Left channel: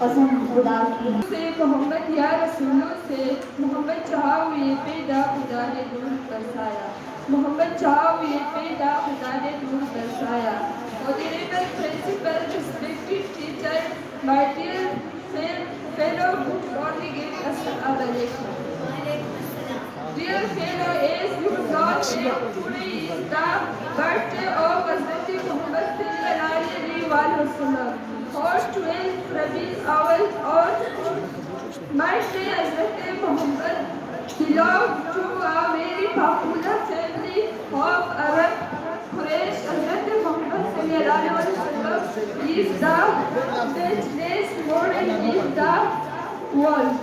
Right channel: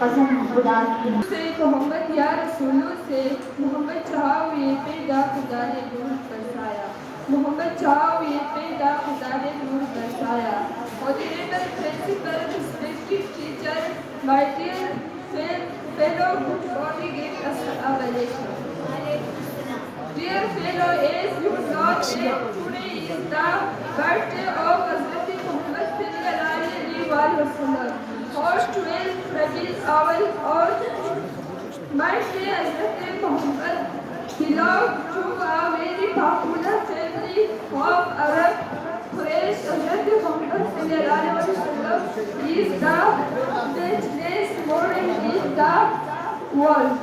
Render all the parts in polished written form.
कसम खुदा की से मोहम्मद या रसूलों से मोहम्मद चाहा हुए पैदा खुदा ने नूर बरसाया मोहम्मद चाहा हुए पैदा खुदा ने नूर बरसाया Honorable Principal, respected teacher, my dear fellow good congregate, Assalamu alaikum. Dear fellow, as you know that today is the birthday of Hazrat Muhammad sallallahu alaihi wasallam. Host 12 Rabiul Awwal or my dear Hazrat Muhammad belonged to a very popular family of Arab Quraysh. Hazrat Muhammad sallallahu alaihi wasallam is the richest man in the world.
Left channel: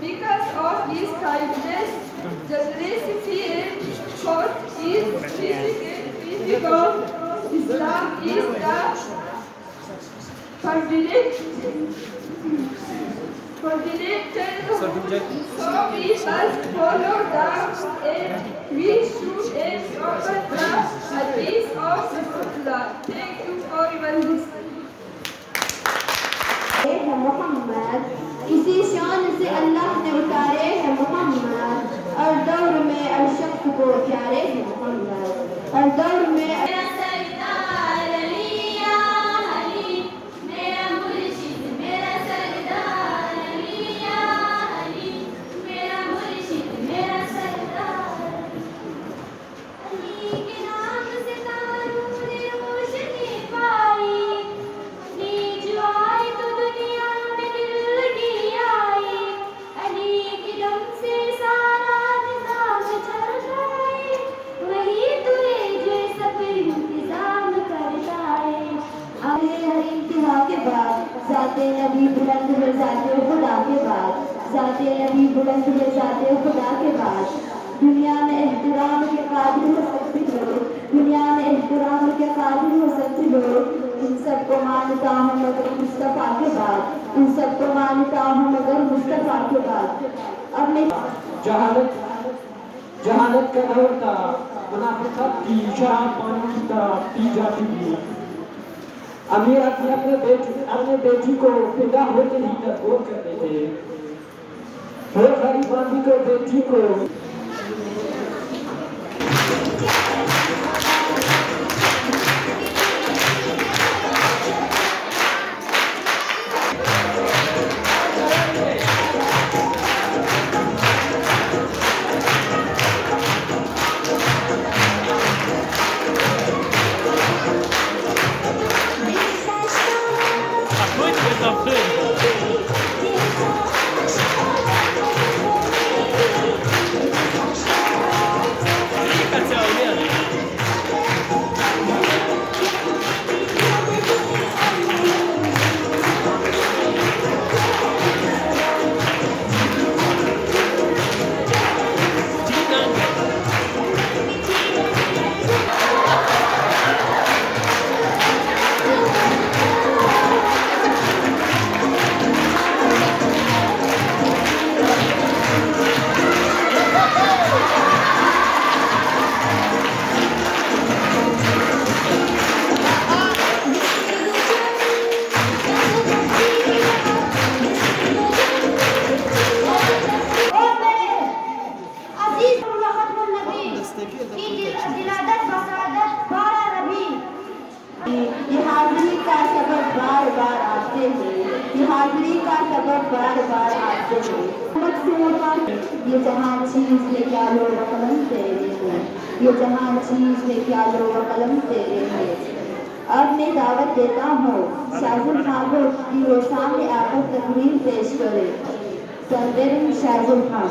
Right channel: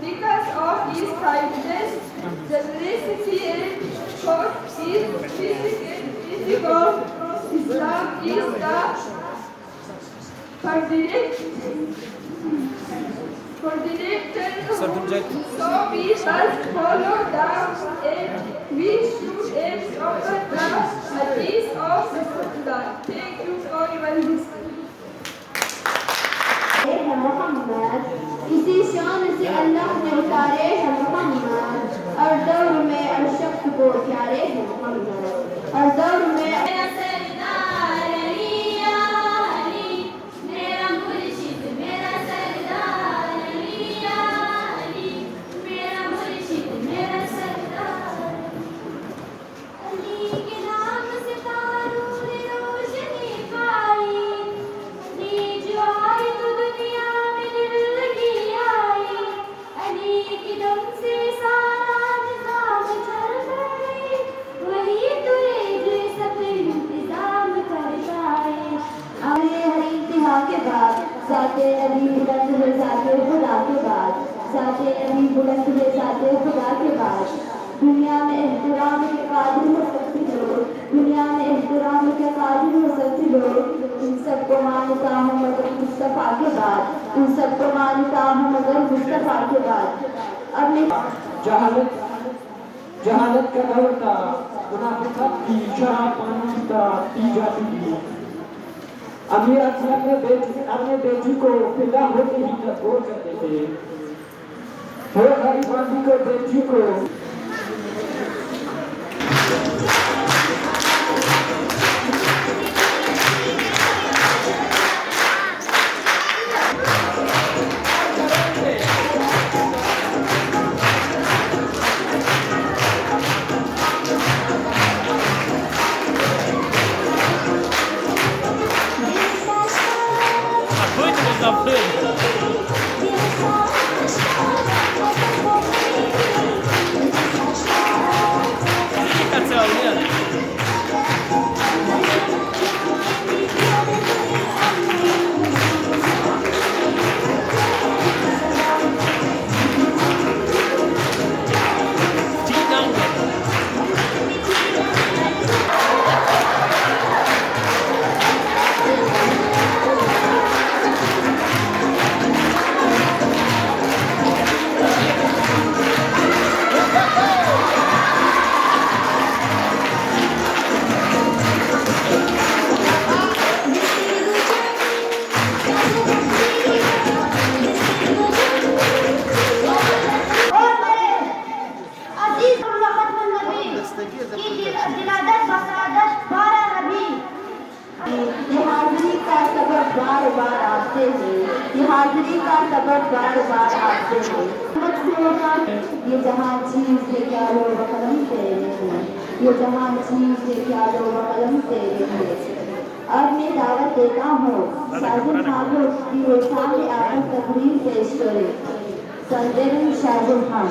Because of his kindness, generosity and thought is physical, Islam is the so we must follow the and we should adopt the hadith of Rasulullah. Thank you for your listening. Mohammad इसी शान से अल्लाह ने उतारे हैं मोहम्मद और दौर में अशक को प्यारे हैं मोहम्मद और दौर में दुनिया में एहतराम के काबिल हो सकते लोग दुनिया में एहतराम के काबिल हो सकते लोग इन सबको मानता हूँ मगर मुस्तफा के बाद इन सबको मानता हूँ मगर मुस्तफा के बाद अब मैं जहालत का दौर था मुनाफिकत की शराब पानी का पी जाती थी अमीर अपने बेटी को पैदा होते ही तक करते थे वो गरीबानी को बेटी को दिलादत बसादत बारा रबी। ये हाजिरी का सबक बार बार आते हैं, ये हाजिरी का सबक बार बार आते हैं। ये जहाँ चीज है क्या लो कलम तेरे हैं, ये जहाँ चीज है क्या लो कलम तेरे हैं। अब मैं दावत देता हूँ शाजुल खान को कि वो सामने आकर तकरीर पेश करे। संदेरन शाजुल खान।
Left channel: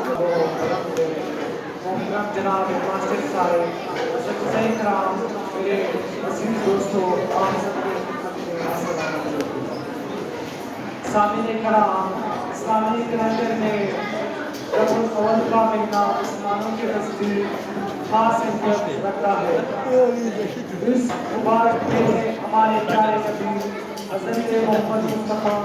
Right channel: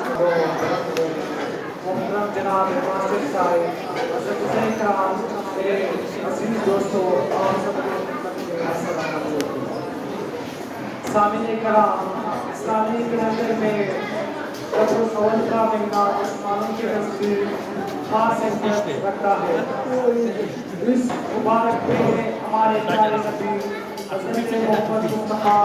मोहतरम जनाब मास्टर साहब, हज़रत हुसैन कराम, मेरे अजीज दोस्तों, आप सबके सामने कराम, इस्लामी कैलेंडर में रबीउल अव्वल का महीना मुसलमानों के नज़दीक खास अहमियत रखता है। इस मुबारक में हमारे प्यारे नबी हज़रत मोहम्मद मुस्तफ़ा